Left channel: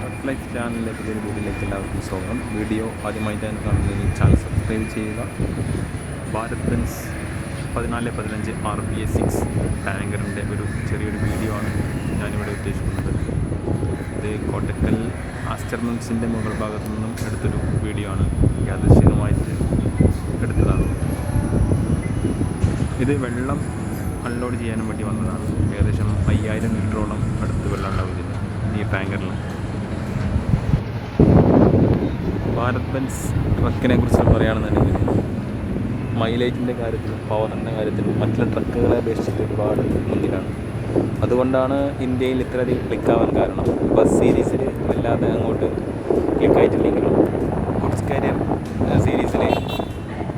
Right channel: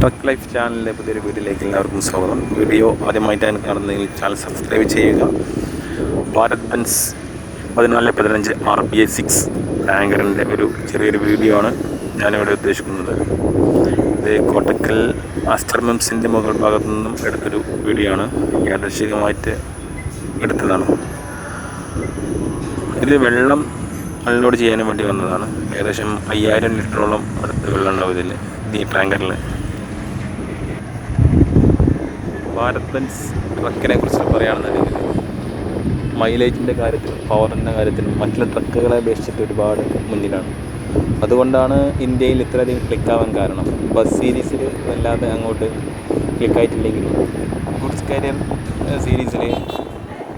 Truck life ചാനലിൻ്റെ പുതിയൊരു വീഡിയോയിലേക്ക് എല്ലാവർക്കും സ്വാഗതം. വീഡിയോ ആദ്യമായിട്ടാണ് കാണുന്നതെങ്കിൽ ചാനൽ സബ്സ്ക്രൈബ് ചെയ്യുക. ഭാരത് ബെൻസ് 1415 RBA6 ടാങ്കറിൻ്റെ ഒരു ചെറിയൊരു വീഡിയോ ആണ് ഞാനിവിടെ ഉദ്ദേശിക്കുന്നത്. ഇത് കോട്ടക്കൽ മിംസിൻ്റെ മുകൾ ഭാഗത്തു നിന്നും എടുത്തൊരു വീഡിയോ ആണ്. യാദൃശ്ചികമായിട്ട് എടുത്തതാണ്. ഇത് വെള്ളം അൺലോഡ് ചെയ്യാനും വേണ്ടി വന്നതാണ്. ഏകദേശം 5000 ലിറ്ററോളം അടുത്ത് വെള്ളം ഉണ്ടാവും ഇതിൽ, ഈ ടാങ്കറിൽ. ഭാരത് ബെൻസ് ട്രക്കിനെ കുറിച്ച് പറയുകയാണെന്നുണ്ടെങ്കിൽ മൈലേജിൻ്റെ കാര്യത്തിൽ, പവറിൻ്റെ കാര്യത്തിൽ മറ്റുള്ള ട്രക്കുകളെ അപേക്ഷിച്ചിട്ട് ഒരുപാട് മുന്നിലാണ്. അതുകൊണ്ടാണ് ഇന്ത്യയിൽ ഇത്രയധികം ക്ലിക്കാവാൻ കാരണം. ബസ് സീരീസിൽ വല്ലാതെ അങ്ങോട്ട് ക്ലിക്കായിട്ടില്ലെങ്കിലും ഗുഡ്സ് കാരിയർ സീരീസിൽ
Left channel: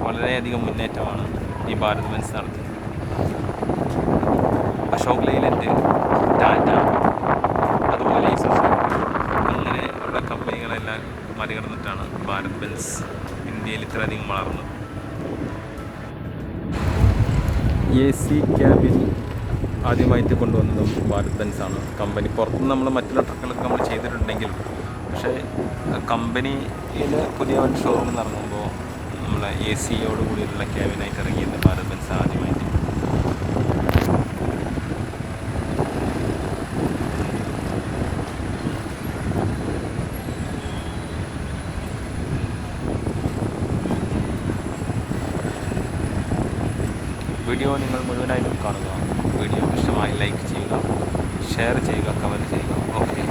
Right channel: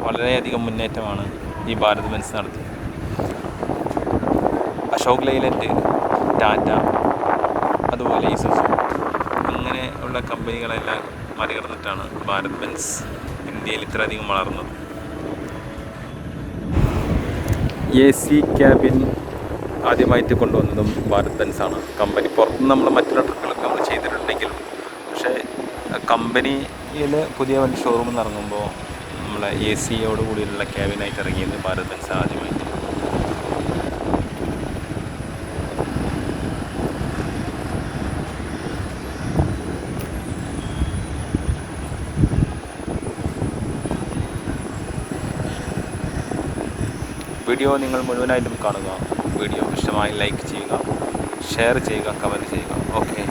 വളരെയധികം മുന്നേറ്റമാണ് ഈ ഭാരത് ബെൻസ് നടത്തിയത്. അശോക് ലൈലൻഡ്, ടാറ്റ, അതുപോലെ അങ്ങനെ ഉള്ള കമ്പനികളെല്ലാം മറികടന്നിട്ടാണ് ഭാരത് ബെൻസ് ഇന്ത്യയിൽ ഇത്രയധികം വളർന്നത്. AC ക്യാബിൻ ആദ്യമായിട്ട് കൊണ്ടുവന്നതും ഭാരത് ബെൻസ് ആണ്. കമ്പനി പുറത്തുനിന്ന് നമ്മൾ മറ്റുള്ള ട്രിപ്പുകളൊക്കെ നമ്മൾ ചെയ്തിട്ടുണ്ടെങ്കിലും, പക്ഷേ കമ്പനിയിൽ പുതിയ വല്ല ഷോറൂമിൽ നിന്ന് ഇറങ്ങുമ്പോൾ നമ്മളെ AC കൂടിയുള്ള ക്യാബിനായിട്ട് ഇറങ്ങിയത് ഭാരത് ബെൻസ് ആദ്യമായിട്ട്. വീഡിയോ നിങ്ങൾ മുഴുവനായിട്ടും കാണുക. വീഡിയോ ഇഷ്ടമായി ലൈക്ക് ചെയ്യുക, ഷെയർ ചെയ്യുക, കമൻറ്റ് ചെയ്യുക. ഓക്കെ.